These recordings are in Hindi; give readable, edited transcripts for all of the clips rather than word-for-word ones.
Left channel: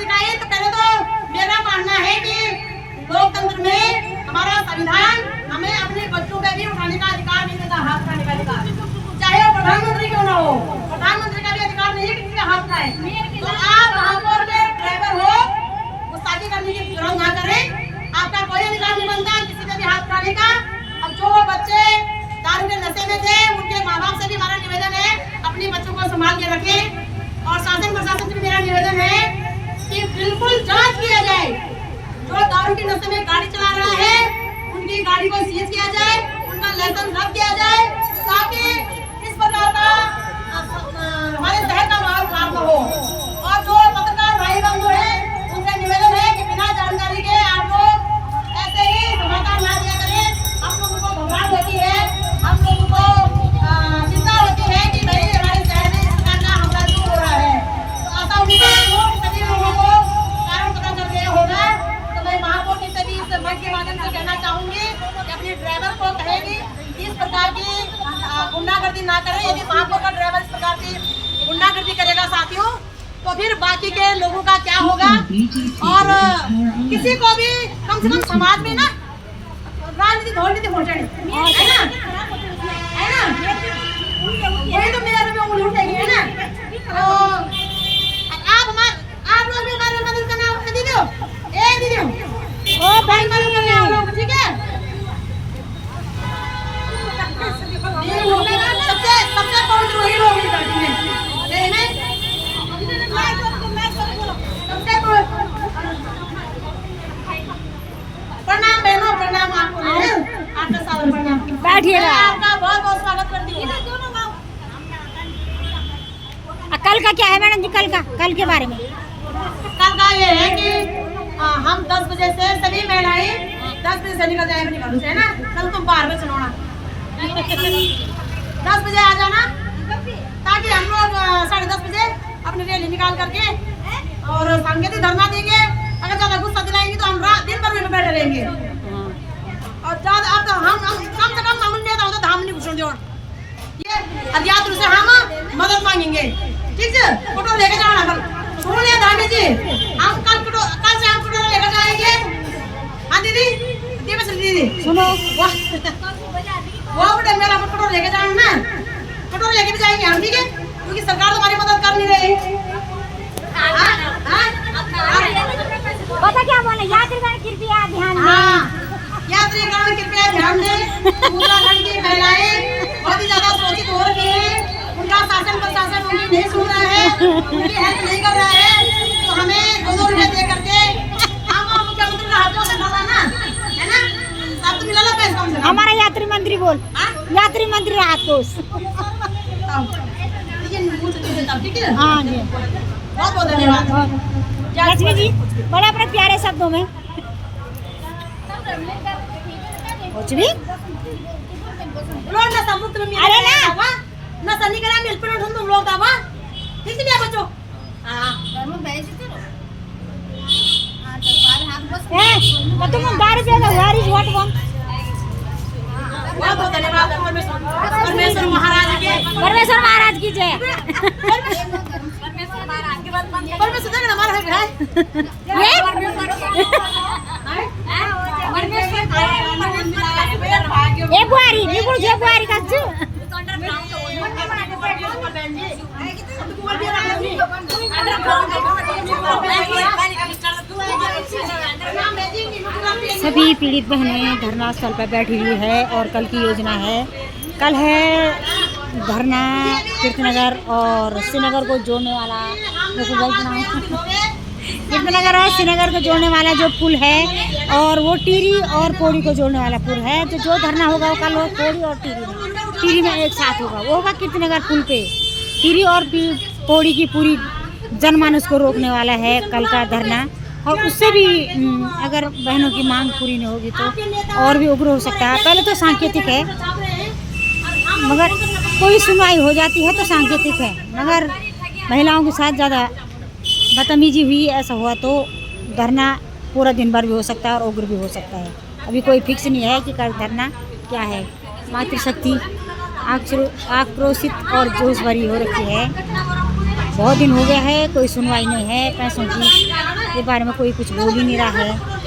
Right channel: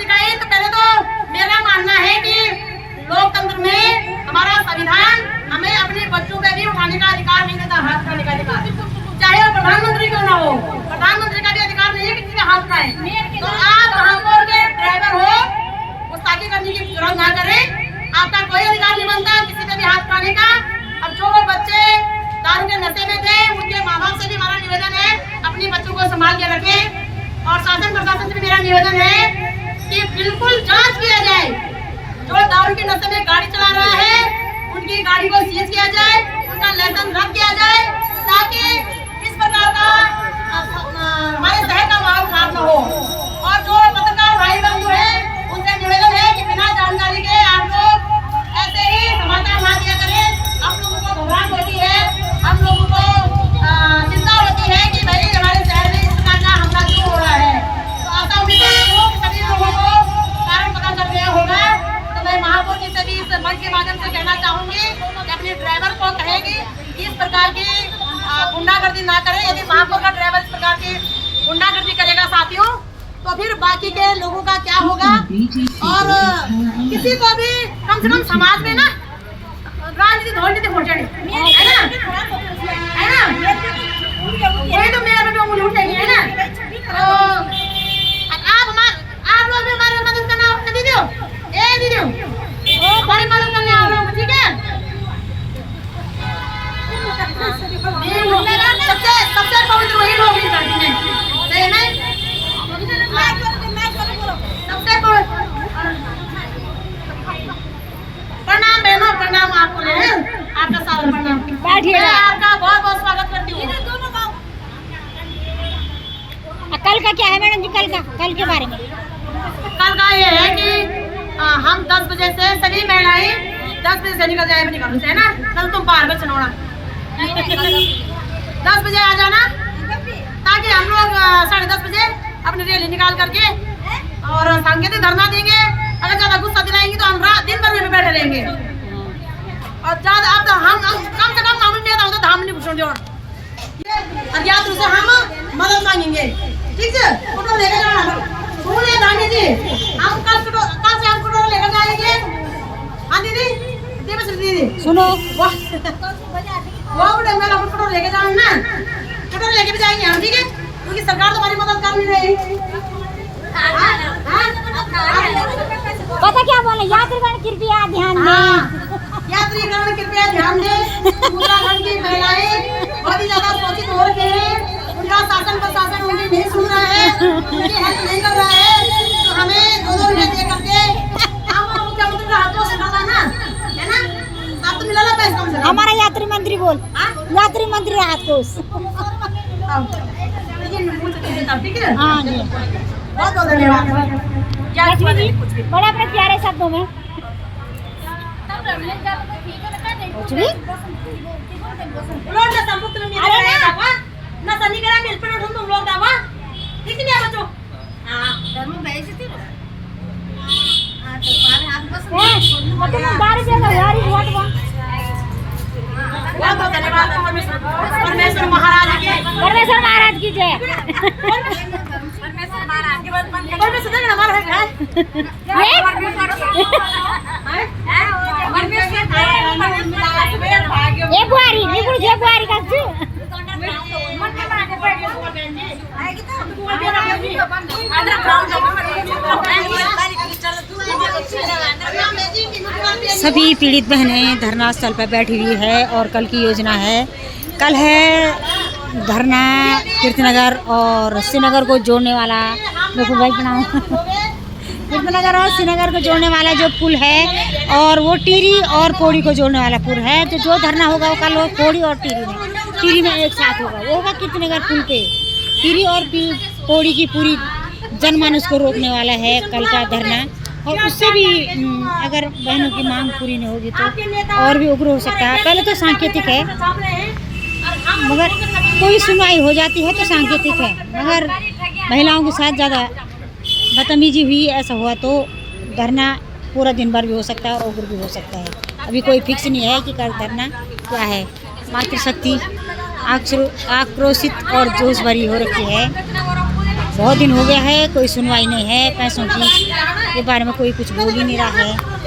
दिखाई तो पहले तो मेरा मानना है कि लोकतंत्र में हमारा संविधान हमें अपने बच्चों पे भी उठाने का अधिकार नहीं देता, हाथ उठाने का अधिकार, चाहे वो प्रधानमंत्री क्यों ना हो। प्रधानमंत्री का भी अधिकार नहीं है कि किसी का हाथ उठाए। तो आप महापौर के ड्राइवर हो, गुस्ताखी करने की जरूरत ना करें। आपका कोई अधिकार नहीं बनता किसी पे भी हाथ उठाने का। अब जो बच्चे दारू के नशे में थे उनके माँ बाप से भी हमारा निवेदन है अपने बच्चों को संभाल के रखें। और शासन प्रशासन से भी मेरा निवेदन है कि बिल्कुल जांच किया जाए, जो दारू के नशे में गाड़ी चला रहा है उनकी गाड़ी को सीज किया जाए, उनका लाइसेंस रद्द किया जाए, ताकि इस प्रकार का हमारे शहर का माहौल खराब न हो। और जो पत्रकार भाई बंधु है उनसे निवेदन है कि बिना जानकारी के आप लोग ऐसे ही समाचार ना दिया करें। हम लोगों को घबराहट होती है, हम लोगों को चिंता होती है कि भाई हमारे शहर में इस प्रकार का हमला क्यों हो रहा है। तो आशा उम्मीद है सभी लोगों को कारण पता चल गया होगा। तो मैं महापौर जी से भी इस मंच के माध्यम से कहना चाहूंगी कि अपने ड्राइवर को कहेगी कि इस प्रकार की गुंडागर्दी ना करे। यदि महापौर का ड्राइवर इस प्रकार की गुंडागर्दी करेगा साथियों, तो फिर बाकी के लोगों का क्या होगा। और किसी को भी कम से कम समाज में ना राजनीति धोनीति पहुंचानी है ना, है ना, वही तो मेरे पे उंगली उठेगी, है ना। तो आप लोग भी हमारी मदद करना दीदी, दीदी हमारी मदद करने आओ लोग, ठीक है। सबसे पवित्र वही लोग इस धरती में, सही में सबसे प्रणाम बहनों, प्रणाम आपको, आपका सादर प्रणाम। बैठिएगा, आपका बहुत बहुत स्वागत करती हूँ। कल का क्या है मैडम जी, कल के बारे में? कल का ये है कि हम 10 बजे से सभी महिलाएं 10 बजे से निकल जाए अपने घरों से, है ना। कल तुम 12 बजे सुनोना 10 बजे आ जाना, ताकि हम लोग 10:30 बजे अपनी रैली निकाल करके और सांकेतिक धरना देंगे। अगर ज्यादा गुस्सा दिलाएंगे तो हम रात दिन भर में बैठे रहेंगे। और ज्यादा अब तो हम कम से कम मामूल नहीं होता धाम नहीं घुसों जोड़ ये अज्ञात रूप से हम मदद मांगेंगे, ठीक है। फोटो लेके जाना सुनिए धामी जी, हम कल से हम फोटो लेकर जाएंगे। हाँ दीदी, दीदी सुनो, वो बड़े मेरा फोटो लेके जाना ना, फोटो लेके भी जाएंगे हम, ठीक है, क्योंकि सरकार तुम्हारी मदद कर नहीं रही। पता क्या बोले, यात्रीगण कृपया ध्यान दें। यात्रीगण कृपया ध्यान दें। उत्तराखंड की महिलाएं बहुत ही ज्यादा शोषित हो रही हैं, उनका शासन प्रशासन उनकी नहीं सुन रहा है, उनकी हेल्प नहीं कर रहा है। तो हमें 2 रुपए दे करके हम मुख्यमंत्री राहत कोष मिला ना, है ना, अब तो मिला ना पैसा कम से कम। हमारा यात्री मंत्री बोल, यात्री मंत्री राहत कोष, ठीक है। हाँ जी, बहुत बहुत धन्यवाद लक्ष्मी जी, बड़े अपने प्यारे शब्दों में कुछ भी। अरे ना सनी करा मिल पर उठो तुम लोग दावा, ठीक नहीं है बच्चों। तुम बारिश वोट वन। बहुत बहुत धन्यवाद परमेश्वर महाराज की, परमेश्वर महाराज की जय। परमेश्वर हमारा है ये बुआरी निकुल जे बुआरी का छु सभी पीड़ित बहनें धरना स्थल पर बैठी हुई है और कल की योजना है। कल है धरना कीर्तिनगर और श्रीनगर को जोड़ने वाला, देखो भाई कीर्तिनगर और श्रीनगर को जोड़ने वाला जो पुल है, और वो टिहरी और पौड़ी को जोड़ने वाला पुल है। तो जो धरना होगा वो कल पौड़ी और टिहरी में एक साथ होगा। वो होगा कीर्तिनगर पुल पे। टिहरी और पौड़ी की पूरी जनमानस को रोकने वाला है कल का धरना। और उससे भी अगर बहनों की मांग पूरी नहीं होगी तो और भी उग्र हो सकता है। पहले तो सांकेतिक है, मगर कोई सुनवाई हो जाती है तो सांकेतिक है, मगर महिलाओं के साथ ज़्यादा बदतमीजी हुई, ऐसा हुआ तो धरना पूरा दिन भर भी हो सकता है और उग्र भी हो सकता है। अभी कोई फिक्स नहीं है कि कल धरना क्या है। मातृशक्ति आक्रोशित और जोश भरी हो रखी है। बहुत दिन हो गया है, कोई सुनवाई नहीं है, पैसों की के बारे में कोई कुछ बोल ही नहीं रहा है।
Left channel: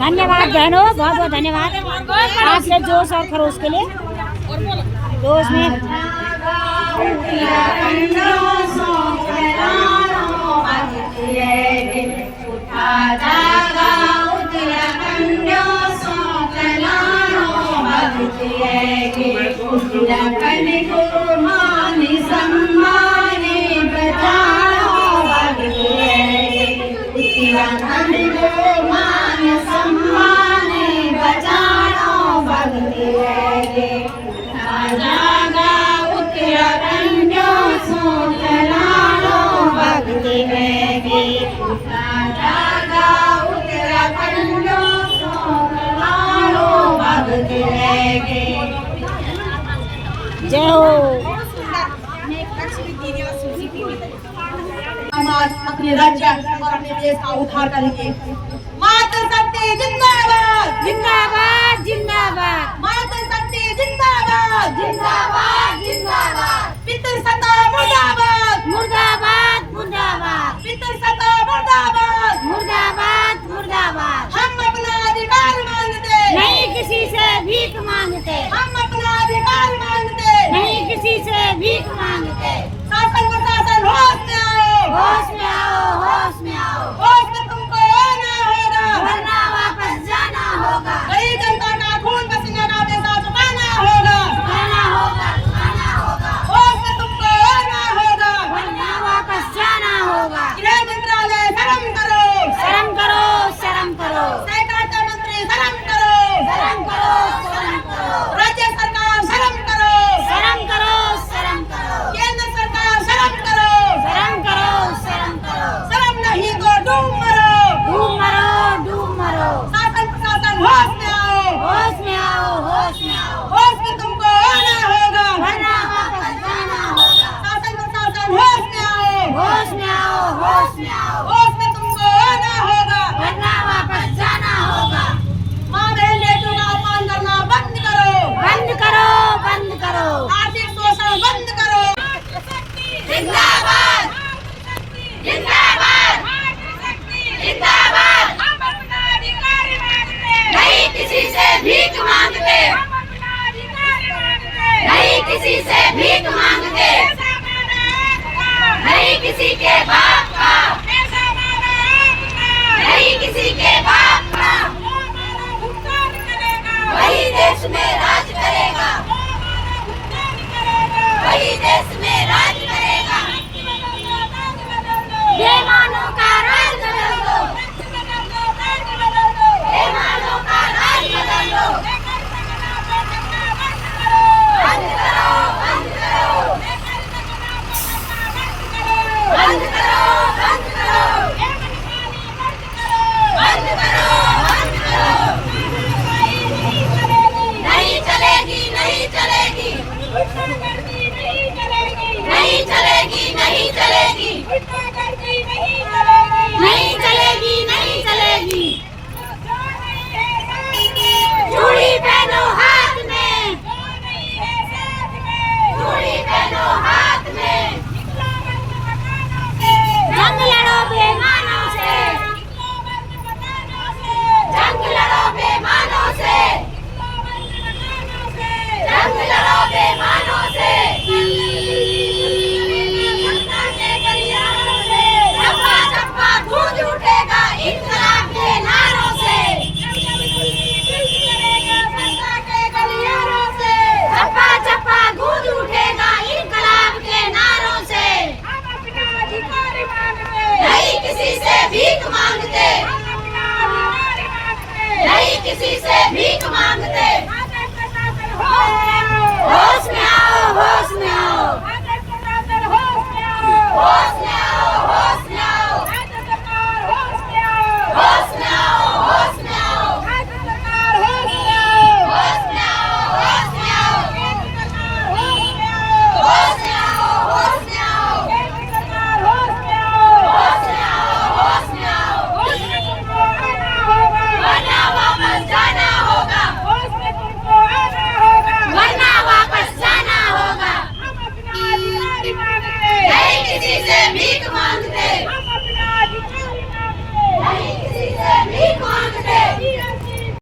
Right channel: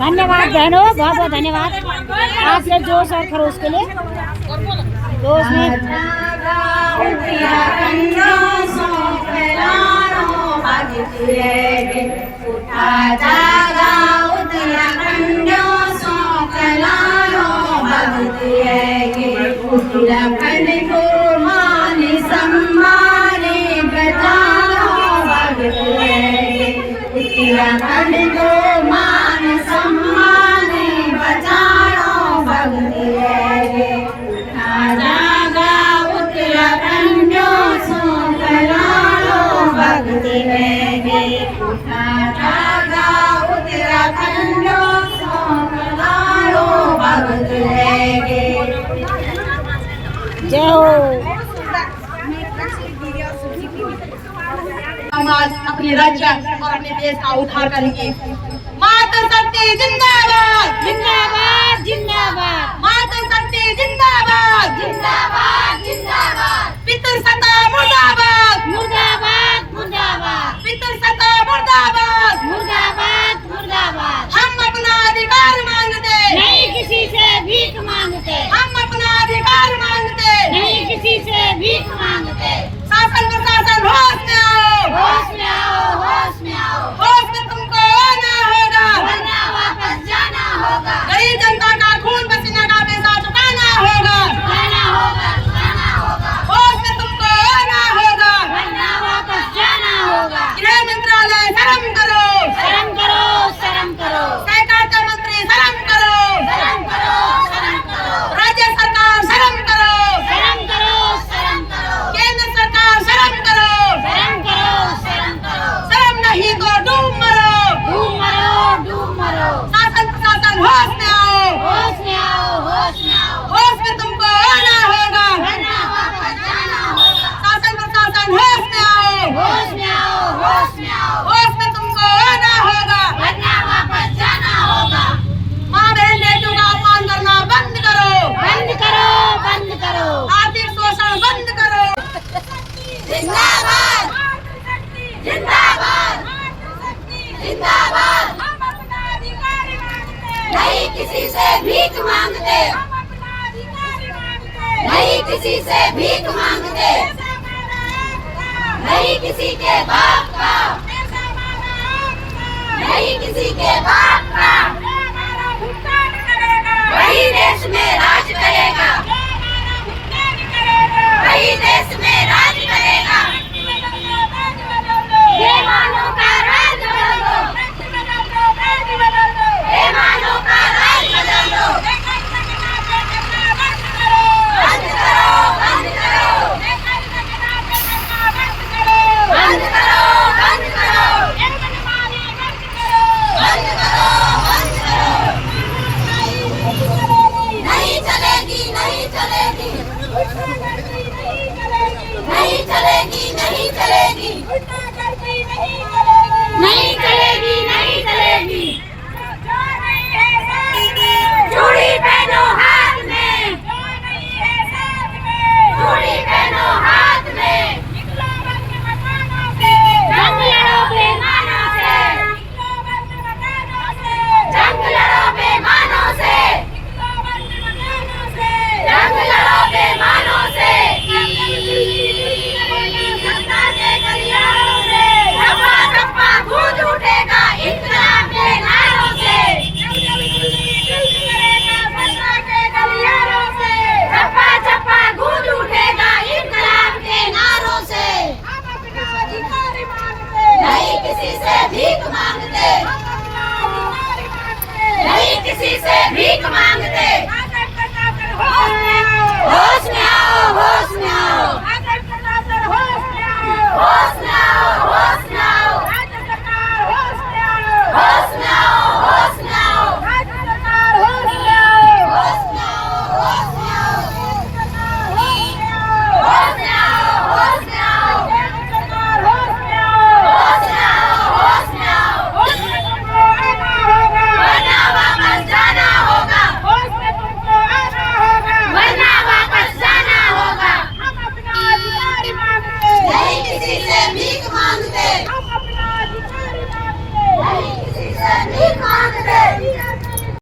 धन्यवाद बहनों, बहुत बहुत धन्यवाद आपके जोश और खरोश के लिए। तो उसमें जय हो। हम आज अपने राज्य और अपने देश का उद्धार करेंगे। माता शक्ति जिंदाबाद जिंदाबाद जिंदाबाद, माता शक्ति जिंदाबाद जिंदाबाद जिंदाबाद, पितृसत्ता मुर्दाबाद मुर्दाबाद मुर्दाबाद, पितृसत्ता मुर्दाबाद मुर्दाबाद मुर्दाबाद। हम अपना अधिकार मांगते नहीं किसी से भीख मांगते, हम अपना अधिकार मांगते नहीं किसी से भीख मांगते। शासन प्रशासन होश में आओ, होश में आओ, होश में आओ, होश में तुमको आना होगा, वरना वापस जाना होगा, गरीब जनता का खून पसीना का पैसा चुकाना होगा, जाना होगा, जाना होगा, होश में तुमको आना होगा, वरना वापस जाना होगा। गृह मंत्रालय शर्म करो, शर्म करो, शर्म करो, सहकारिता मंत्री शर्म करो, शर्म करो, शर्म करो, राज्य सरकार शर्म करो, शर्म करो, शर्म करो, केंद्र सरकार शर्म करो, शर्म करो, शर्म करो, शर्म नहीं तो डूब मरो, डूब मरो, डूब मरो। शासन प्रशासन होश में आओ, होश में आओ, होश में आओ, होश में तुमको आना होगा, वरना वापस जाना होगा। शासन प्रशासन होश में आओ, होश में आओ, होश में आओ, होश में तुमको आना होगा, वरना वापस जाना होगा। माँ बहन बेटियों का अपमान करना बंद करो, बंद करो, बंद करो, आर्थिक शोषण बंद करो। जिंदाबाद जिंदाबाद जिंदाबाद। हम अपना अधिकार मांगते, नहीं किसी से भीख मांगते, हम अपना अधिकार मांगते, नहीं किसी से भीख मांगते, पैसा हमारा हक का, नहीं किसी के बाप का, पैसा हमारा हक का, नहीं किसी के बाप का। जो हमारा भुगतान करेगा, वही देश में राज करेगा, जो हमारा भुगतान करेगा, वही देश